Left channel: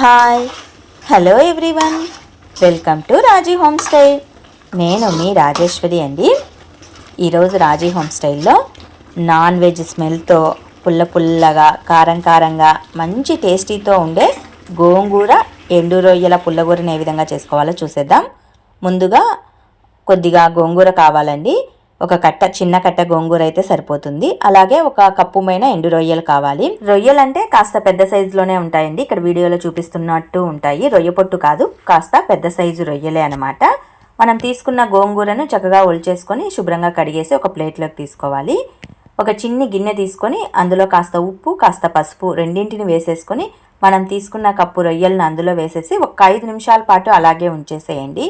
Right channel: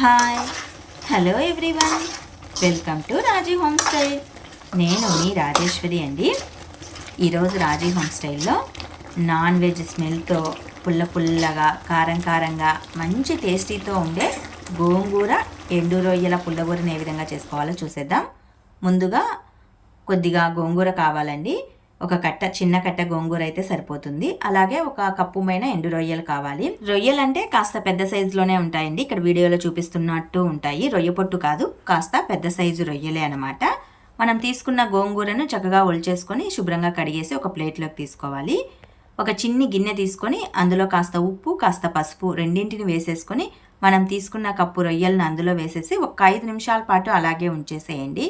Hi hello everyone, welcome to Raji home style. నేను మీ రాజేశ్వరి అండి. ఈరోజు రాజీ హోమ్ స్టైల్లో నాన్ వెజ్ స్మెల్తో పుల్లగా కారంగా మంచి టేస్టీతో ఉండే గోంగూర ఎండు రొయ్యల పుల్లగూరని ఏ విధంగా చేసుకోవాలో చూసేద్దాం. ముందుగా కొద్దిగా గోంగూర కావాలండి. ఒక చిన్న కట్ట గోంగూర అయితే సరిపోతుంది. అలాగే ఒక కప్పుమైన ఎండు రొయ్యలు కావాలి. రొయ్యలు అంటే కాస్త పెద్ద సైజులోనే ఉంటాయండి. ఇక్కడ వీడియోలో చూపిస్తున్నట్టు ఉంటాయి. రొయ్య పొట్టు కాదు, కాస్త పెద్ద సైజు రొయ్యలే అనమాట. మనం తీసుకున్న గోంగూరను చక్కగా ఒలిచేసుకొని శుభ్రంగా కడిగేసి ఒక ప్లేట్లోకి తీసుకోవాలి. ఒక చిన్ని గిన్నె తీసుకొని అందులో కాస్త ఉప్పు కాస్త పసుపు రెండింటిని వేసేసుకొని మనం తీసుకున్న కప్పు రొయ్యలను అందులో వేసేసి ఒక 5 నిమిషాల పాటు అలాగే ఉంచేసేయండి.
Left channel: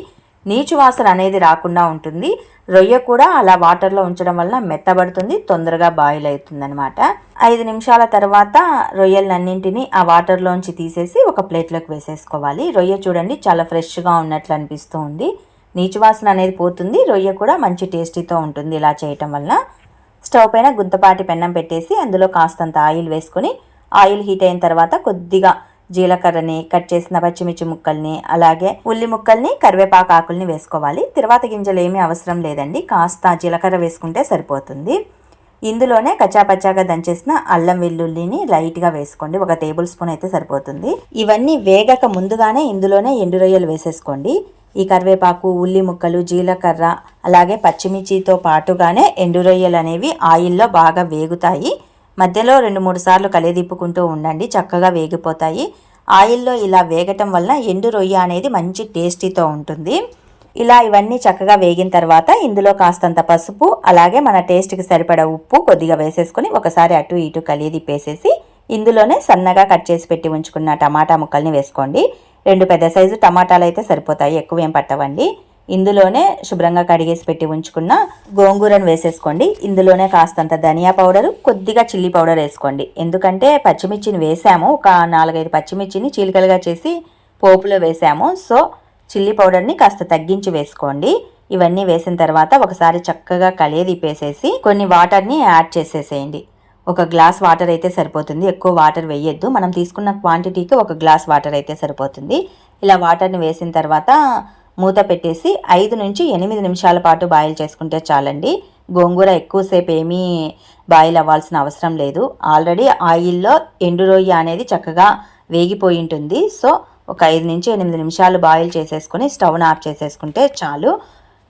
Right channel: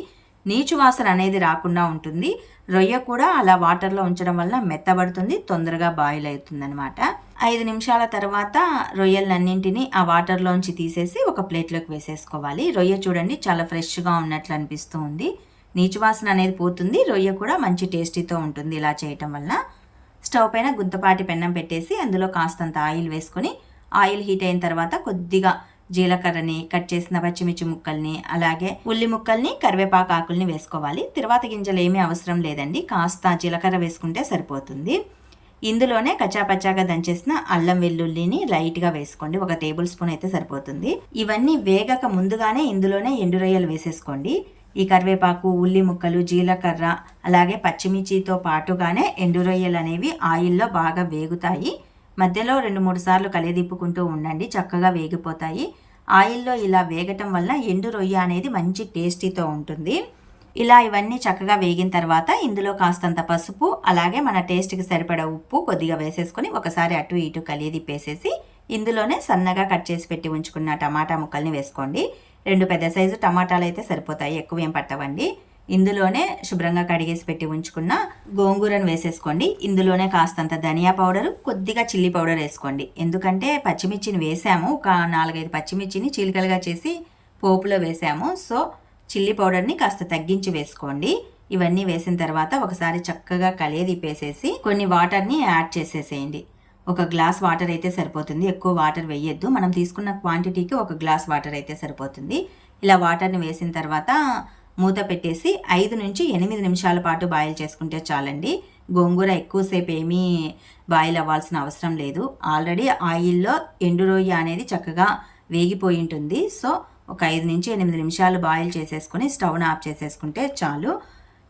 నీచు వాసన అనేది రాకుండా ఉంటుంది. రొయ్య కూడా అలా వాటర్లో ఉంచడం వల్ల మెత్తబడుతుంది, తొందరగా బాయిల్ అవుతుంది అనమాట. 5 నిమిషాల తర్వాత రొయ్యలన్నింటినీ ఆ వాటర్లోంచి తీసేసి ఒక ప్లేట్లోకి వేసేసుకోవాలి. రొయ్య చూడండి చాలా ఫ్రెష్గా ఉన్నట్లు అనిపిస్తూ ఉంది. నీచు వాసన అనేది పోతుంది, రొయ్య కూడా మంచి టేస్టీతో ఉంటుంది ఇలా చేయటం వల్ల. స్టవ్ పైన గుంతపాటి పెన్నం పెట్టేసి అందులో కాస్తంత ఆయిల్ వేసుకొని ఆయిల్ హీట్ అయిన తర్వాత కొద్దిగా జీలకర్రని, కట్ చేసిన పచ్చిమిర్చి ముక్కల్ని, అలాగే ఉల్లి ముక్కల్ని, కరివేపాకు ఆకుల్ని వేసుకోవాలి. తర్వాత గింజలు ఏమీ అవసరం లేదండి, కాస్త జీలకర్ర వేసుకుంటే సరిపోతుంది. ఇందులోనే కచ్చాపచ్చాగా దంచేసిన అల్లం వెల్లుల్లిని లైట్గా వేసుకోండి. 1 టేబుల్ స్పూన్ అయితే సరిపోతుంది. ఇవన్నీ వేగక ముందుగానే ఇందులోనే ఎండు రొయ్యలు వేసేసుకోండి. ఈ కరివేపాకు, ఉల్లి ముక్కలు, జీలకర్ర అలాగే పచ్చిమిర్చితో పాటుగానే ఎండు రొయ్యలు అనేవి ఆయిల్లో బాగా వేగుతాయి. మధ్యలో 2-3 సార్లు కలిదిప్పుకుంటూ ఉండండి, చక్కగా వేగిపోతాయి. ఆయిల్లో ఇలా వేగటం వల్ల ఎండు రొయ్య అనేది మంచి టేస్టీతో ఉంటుంది. ఇలా ఇవన్నీ చక్కగా వేగిన తర్వాత ఇందులో కాస్తంత పసుపు అలాగే మన టేస్ట్కి సరిపడా ఉప్పు కొద్దిగా వేసేసుకొని ఒకసారి అటు ఇటు కలిదిప్పేసేసి ఇందులోనే సన్నగా కట్ చేసి పెట్టి ఉంచుకున్న టమాటా ముక్కల్ని వేసుకోండి. 2 పెద్ద సైజు టమాటాలు అయితే సరిపోతాయి, ఎక్కువ ఏం పట్టవండి. ఇందులోనే శుభ్రంగా కడిగేసి పెట్టి ఉంచుకున్న గోంగూరను వేసేసుకోండి. ఇందులోనే కాస్తంత ధనియా పౌడరు, కొద్దిగా చిల్లీ పౌడర్ వేసుకోండి. ఎందుకంటే పచ్చిమిర్చిని వేసాము, ఒక 4-5 పచ్చిమిర్చిని చీలికలుగా చేసి పోపులో వేసాము. సో చిల్లీ పౌడర్ని కాస్త తగ్గించి వేసుకోండి. ఇవన్నీ వేసిన తర్వాత ఒకసారి చక్కగా కలియదిప్పేసేసి కొన్ని వాటర్ని యాడ్ చేసేసేయండి. 1 గ్లాస్ వాటర్ అయితే సరిపోతుంది, ఎక్కువ వాటర్ వేయొద్దు. మనం తీసుకున్న క్వాంటిటీకి 1 గ్లాస్ వాటర్ అయితే సరిపోతుంది. ఇలా వాటర్ని వేసిన తర్వాత మూత పెట్టేసి 5 నుంచి 8 నిమిషాల పాటు బాయిల్ చేసుకుంటే చాలండి. గోంగూర ఎక్కువసేపు ఏమీ బాయిల్ అవ్వాల్సిన అవసరం లేదు. ఆల్రెడీ ఆయిల్లో ఎండు రొయ్య అనేది చక్కగా వేగిపోయి ఉంటుంది. సో ఒక 5 నుంచి 8 నిమిషాలు బాయిల్ చేసేసుకొని స్టవ్ను ఆఫ్ చేసేసుకుంటే చాలు.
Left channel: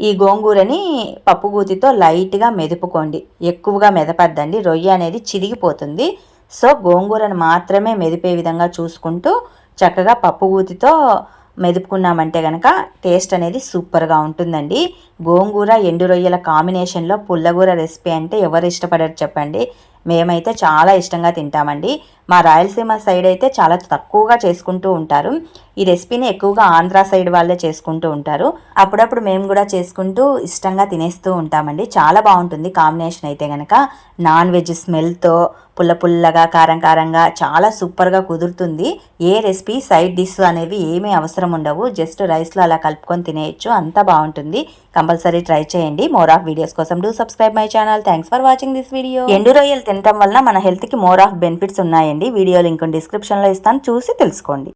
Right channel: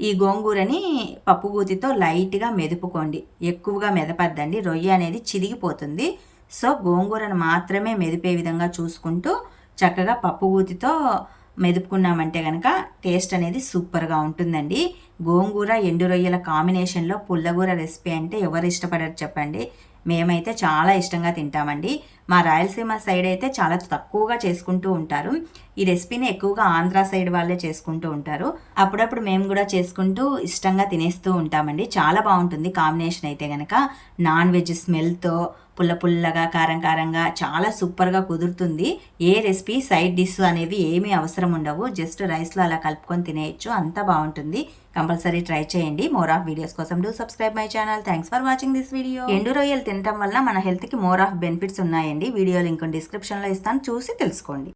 ఈ గోంగూరని పప్పుగూతితో లైట్గా మెదుపుకోండి, ఎక్కువగా మెదపద్దండి, రొయ్య అనేది చిరిగిపోతుంది. సో గోంగూరను మాత్రమే మెదిపే విధంగా చూసుకుంటూ చక్కగా పప్పుగూతితో మెదుపుకున్నామంటే కనుక టేస్ట్ అనేది సూపర్గా ఉంటుందండి. గోంగూర ఎండు రొయ్యల కాంబినేషన్లో పుల్లగూర రెసిపీ అంటే ఎవరు ఇష్టపడరు చెప్పండి. మేమైతే చాలా ఇష్టంగా తింటామండి. మా రాయలసీమ సైడ్ అయితే చాలా తక్కువగా చేసుకుంటూ ఉంటారు. ఈ రెసిపీని ఎక్కువగా ఆంధ్ర సైడ్ వాళ్ళే చేసుకుంటూ ఉంటారు. అప్పుడప్పుడు మేము కూడా చేసుకుంటూ ఇష్టంగా తినేస్తూ ఉంటామండి. చాలా బాగుంటుంది కాంబినేషన్ అయితే కనుక. నాన్ వెజ్ స్మెల్తో పుల్లగా కారంగా చాలా సూపర్గా కుదురుతుంది. ఏ రెసిపీ సైడ్ డిష్ అనేవి ఏమీ అవసరం ఉండవు, జస్ట్ రైస్లో అలా కలుపుకొని తినేయచ్చు, అంత బాగుంటుంది. కంపల్సరీ ట్రై చేయండి. మోర్ ఆఫ్ వీడియోస్ కోసం do subscribe my channel. Thanks for watching this video. ఎండు రొయ్యలు తినడం వల్ల మన హెల్త్కి మోర్ ఆఫ్ బెనిఫిట్స్ ఉన్నాయండి. వీడియో లింక్ డిస్క్రిప్షన్లో ఇస్తాను, చూసి తెలుసుకోండి.